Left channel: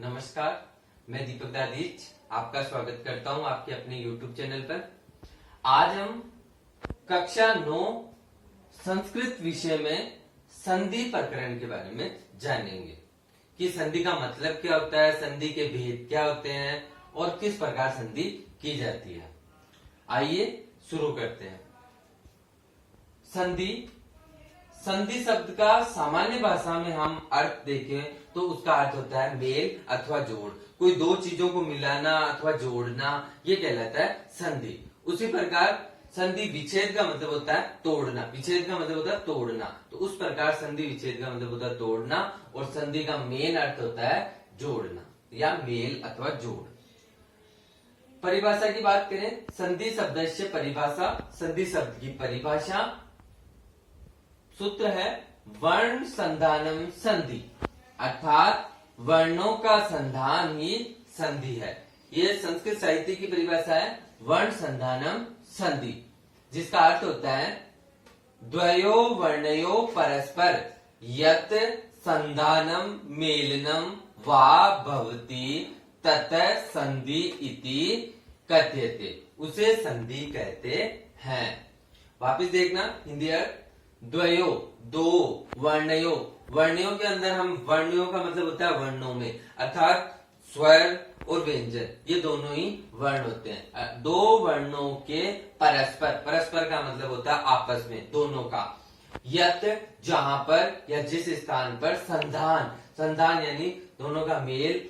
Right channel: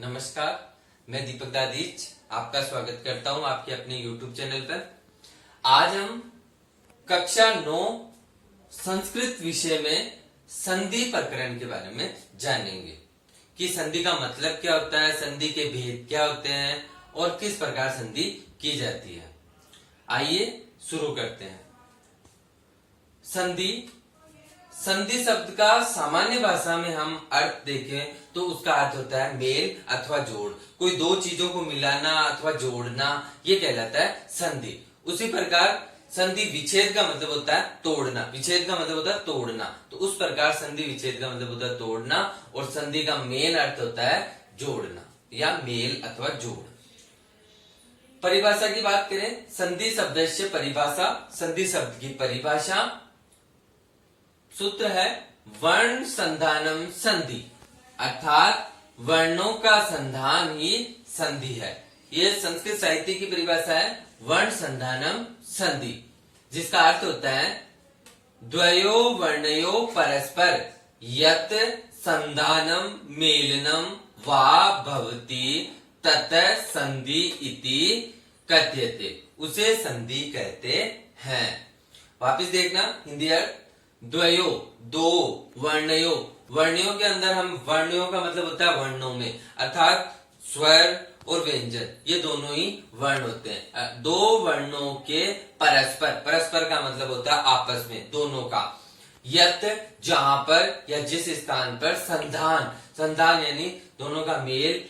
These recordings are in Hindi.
नमस्कार, मैं दीपक दादीच आपका स्वागत करता हूं आपके अपने YouTube चैनल पर। आज हम कक्षा 9 संस्कृत विषय में संधि प्रकरण के बारे में जानेंगे कि संधि का मतलब क्या होता है, संधि के भेद क्या होते हैं और किस प्रकार संधि की जाती है। आइए शुरू करते हैं। संधि संधि शब्द का सामान्य भाषा में हम अर्थ देखें तो उसका अर्थ होता है मेल अथवा जोड़। कोई दो चीजों को मिलाना अथवा जोड़ना, ये कहलाता है संधि। उसी प्रकार संधि विच्छेद का मतलब होता है तोड़ना, विच्छेद का मतलब होता है तोड़ना। तो उस प्रकार संधि विच्छेद का मतलब होता है तोड़ना और संधि का मेन अर्थ होता है जोड़ना या मेल अथवा जोड़। परिभाषा की बात करें, संधि शब्द से परिभाषा, संधि शब्द की परिभाषा सूत्र है वर्ण संधानम संधि, अर्थात वर्णों का संधान ही संधि है। यह संस्कृत साहित्य की परिभाषा है वर्ण संधानम संधि, जिसका अर्थ होता है द्वयो वर्णयो परस्पर यत संधानम मेलनम वा भवति तत संधि इति कथ्यते, उसे संधि कहते हैं। वापिस देखना हिंदी अर्थ, द्वयो दो, वर्णयो वर्णयों के अंदर हम वर्णयों का मतलब होता है वर्णों में, अर्थात स्वर और व्यंजन ये दोनों ही वर्ण होते हैं। दो वर्णों के परस्पर, परस्पर का मतलब होता है आपस में, दोनों का। यत जहां पर या जिस स्थान पर, संधान संधान यानी दोनों का मेल,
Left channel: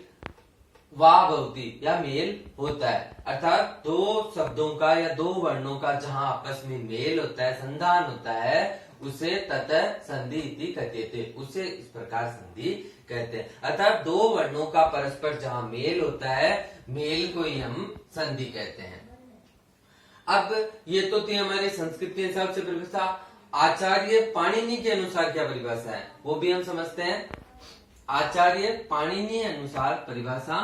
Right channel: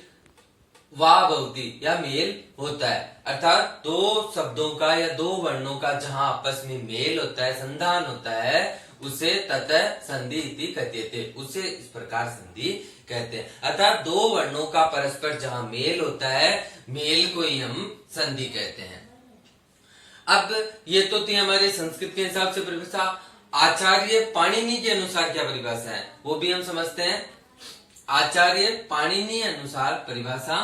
वाह भवति या मेल होता है, अर्थात दो शब्दों का या दो वर्णों का जहां आपस में मेल होता है, संधान होता है, उसे ततः संधि इति कथ्यते, उसे इस प्रकार संधि कहते हैं। अर्थात दो वर्णों का परस्पर जहां मेल होता है, मेल को ही हम संधि कहते हैं। अब ये तो थी हमारे संस्कृत के हिसाब से परिभाषा। आचार्य पाणिनि के अनुसार क्या परिभाषा है वो भी हम समझते हैं। आचार्य पाणिनि अनुसार परिभाषा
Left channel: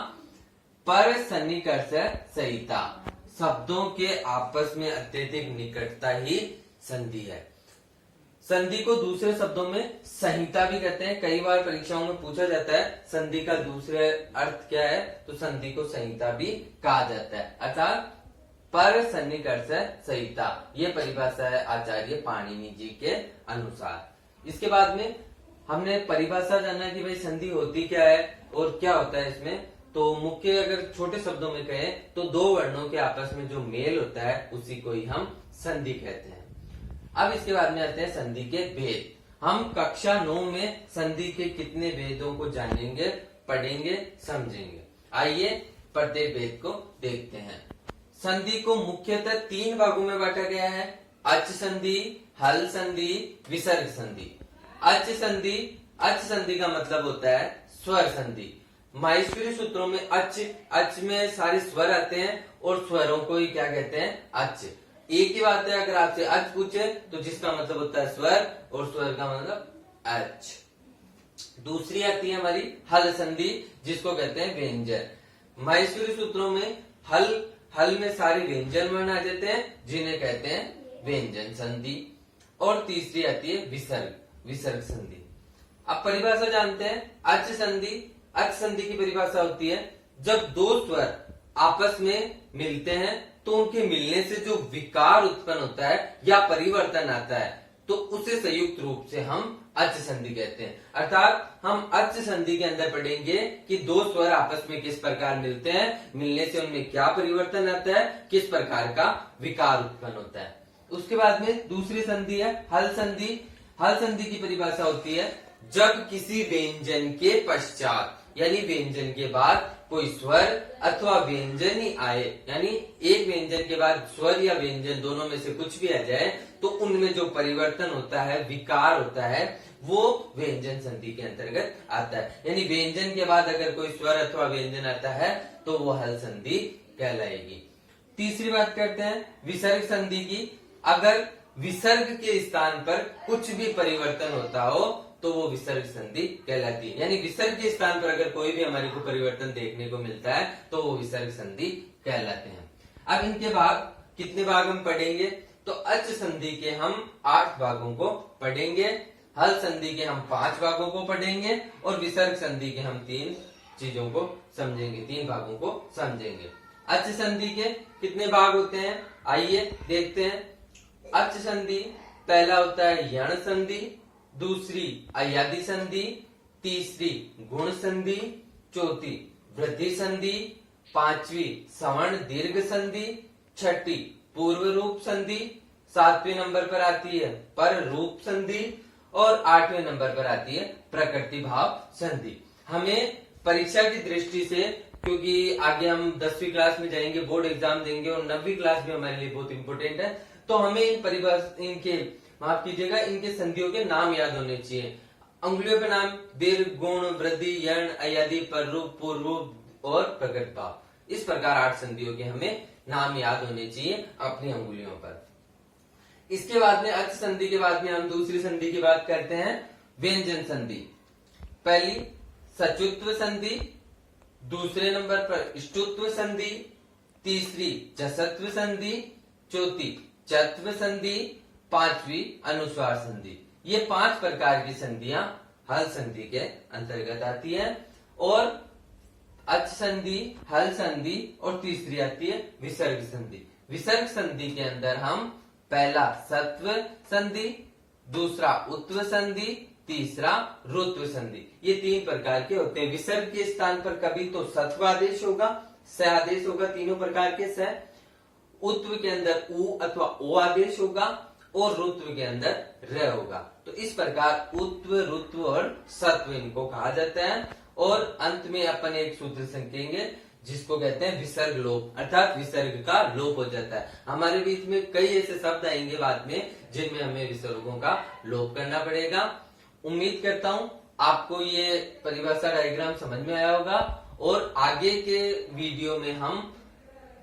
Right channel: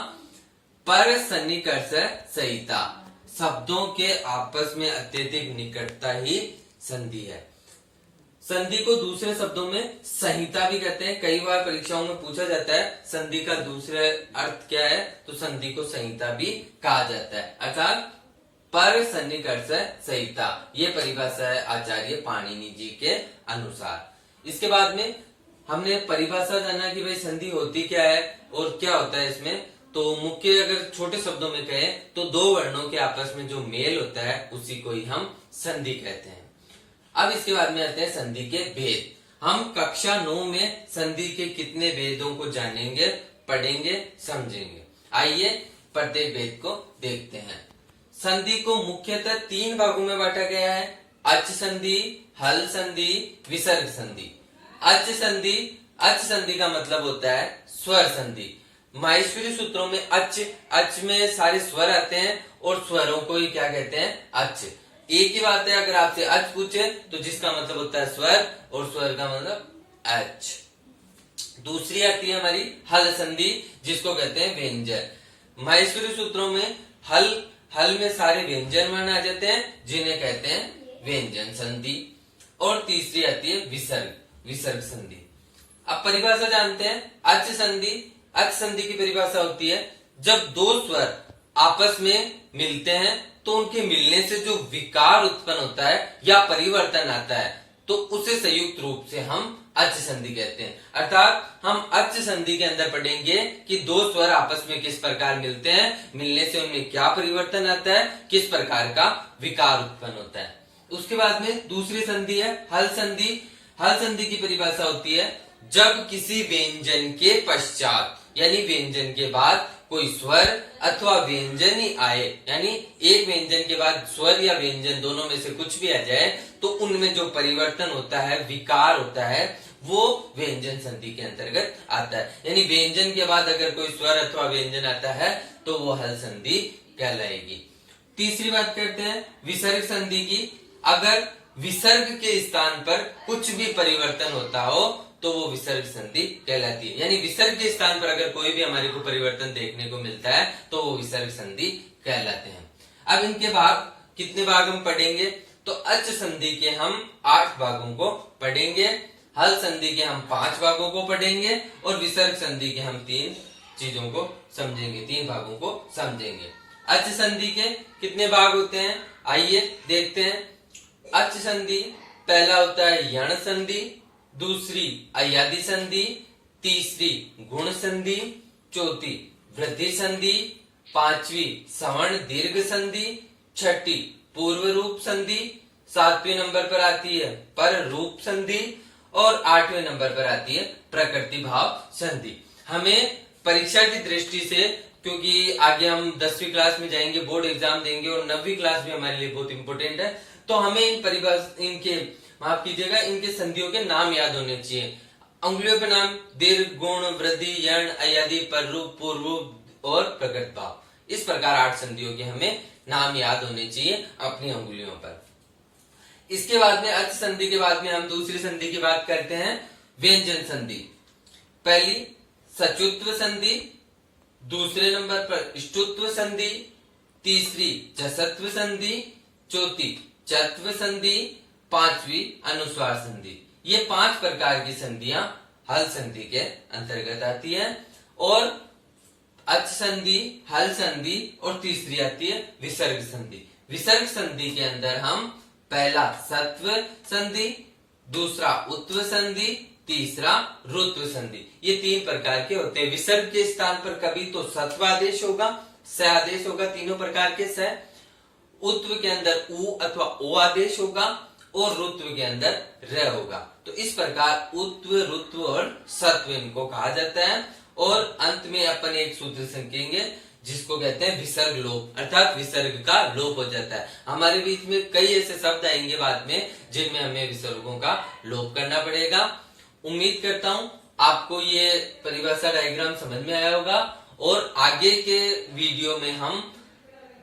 पर सन्निकर्ष संहिता, शब्दों के आपस में अत्यधिक निकटता ही संधि है। संधि को दूसरे शब्दों में संहिता भी कहते हैं। कई बार परीक्षाओं में पूछा जाता है संधि का दूसरे अर्थ क्या है, तो संधि को संहिता भी कहा जाता है, अर्थात पर सन्निकर्ष संहिता, ये परिभाषा है आचार्य पाणिनि जी के अनुसार। इसके बाद में हमने परिभाषा जाना कि भाई संधि होती क्या है और क्या होता है इसमें। तो मुख्य अगर छोटे शब्दों में कहें तो दो वर्णों के आपस में जो मेल होता है उसी को ही हम संधि कहते हैं। अब इसके बाद में आते हैं संधि के भेद। हम कक्षा 9 में संधि के कितने भेदों को जानेंगे, पढ़ेंगे, समझेंगे। आइए प्रत्येक भेद को देखते हैं। संधि को मुख्यतः 3 भागों में बांटा गया है, अच संधि, हल संधि, विसर्ग संधि। अच संधि, अच संधि का मतलब होता है स्वर संधि। माहेश्वरी सूत्रों में अच में सारे स्वर आते हैं और स्वरों को ही क्या कहते हैं, अच। एक ही बात है, अगर आपसे अच पूछे तो जिसका मतलब होता है स्वर और स्वर का मतलब अच। दूसरी आती है हमारी हल संधि, जिसको कहते हैं व्यंजन। माहेश्वरी सूत्रों में हल में सारे व्यंजन वर्ण आ जाते हैं जिन्हें कहते हैं व्यंजन संधि। और तीसरी आती है विसर्ग संधि। अब परिभाषा जानते हैं। अच संधि की परिभाषा होती है जब दो स्वर आपस में मिलते हैं तो उनके मिलने से जो विकार उत्पन्न होता है या परिवर्तन आता है तो उसे संयुक्त रूप से हम अच संधि कहते हैं। अर्थात हम अच संधि के अंदर पढ़ेंगे कि दो स्वर आपस में किस प्रकार मिलते हैं, मिलने से उनमें क्या परिवर्तन आता है, किस प्रकार का विकार उत्पन्न होता है। उसके बाद में दूसरी संधि है हल संधि। हल संधि की परिभाषा होती है जब किसी व्यंजन के पश्चात यानी व्यंजन के बाद कोई स्वर अथवा व्यंजन ही आए, यानी एक व्यंजन के बाद स्वर या व्यंजन दोनों में से कुछ भी आ जाए तो उनमें जो परिवर्तन होता है, विकार होता है, वो व्यंजन संधि के अंतर्गत आता है। यानी व्यंजन के बाद अगर कोई स्वर अथवा व्यंजन आता है तो वो हल संधि कहलाएगी। तीसरी बात करते हैं विसर्ग संधि की। अगर विसर्ग के स्थान पर कुछ भी परिवर्तन होता हो तो वो विसर्ग संधि कहलाती है। यानी विसर्ग के स्थान पर अगर कोई भी हमारे को परिवर्तन देखने को मिलता है तो वो विसर्ग संधि कहलाते हैं। अब इनके भाग, कितने भाग हम पढ़ेंगे, तो अच संधि के हम 8 भागों को पढ़ेंगे, हल संधि के हम 5 भागों को पढ़ेंगे और विसर्ग संधि के हम 3 चीजों को समझेंगे, 3 भागों को समझेंगे। अच संधि के कितने भाग होते हैं, आइए देखते हैं। अच संधि पहला होता है यण संधि, दूसरी अयादि संधि, तीसरी गुण संधि, चौथी वृद्धि संधि, पांचवी सवर्ण दीर्घ संधि, छठी पूर्व रूप संधि, 7वें नंबर पर आती है पर रूप संधि और 8वें नंबर पर आती है प्रकृति भाव संधि। हमें परीक्षा की दृष्टि से, क्योंकि आगे हम 10वीं क्लास में जाएंगे, बोर्ड एग्जाम देंगे और 9वीं क्लास भी हमारे लिए बहुत इंपॉर्टेंट है, तो हमें इन परिभाषा इनके माफ कीजिएगा इनके संधियों के नाम याद होने चाहिए। अंगुलियों पे नाम दीर्घ, गुण, वृद्धि, यण, अयादि, पररूप, पूर्वरूप और प्रकृत भाव, इस प्रकार 8 संधियों के हमें नाम याद होने चाहिए अपनी अंगुलियों पर। इसके बाद में अच संधि के बाद में हम दूसरी संधि की बात करते हैं, व्यंजन संधि। पहली सचुत्व संधि, दूसरे नंबर पर ष्टुत्व संधि, तीसरी जसत्व संधि, चौथी चत्व संधि, 5वीं अनुस्वार संधि। ये 5 प्रकार की संधियां हल संधि के अंतर्गत आती है। और अच संधि, हल संधि और तीसरी आती है विसर्ग संधि। विसर्ग संधि के अंदर हम पहला सत्व संधि, दूसरा उत्व संधि, तीसरा रुत्व संधि, ये 3 प्रकार के होते हैं। विसर्ग के स्थान पर कभी तो सत्व आदेश होगा, स आदेश होगा, तीनों प्रकार के स। उत्व के अंदर उ अथवा ओ आदेश होगा और रुत्व के अंदर र होगा। तो इस प्रकार उत्व, रुत्व और सत्व इनको कहा जाता है। और अंत में अपन एक सूत्र सीखेंगे जिसको कहते हैं विसर्ग लोप, अर्थात विसर्ग का लोप हो जाता है। हमारे बीच में कई ऐसे शब्द आएंगे बाद में जिनमें हमें विसर्गों का लोप करना पड़ेगा। उम्मीद करता हूं आपको ये परिभाषा डायग्राम समझ में आया होगा और आगे के वीडियो में हम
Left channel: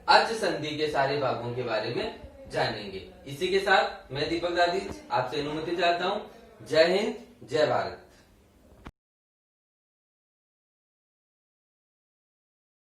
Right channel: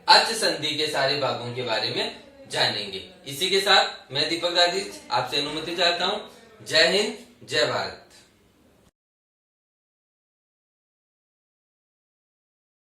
अच संधि के सारे भागों के बारे में जानेंगे। इसी के साथ मैं दीपक दादी आपसे अनुमति चाहता हूं। जय हिंद, जय भारत।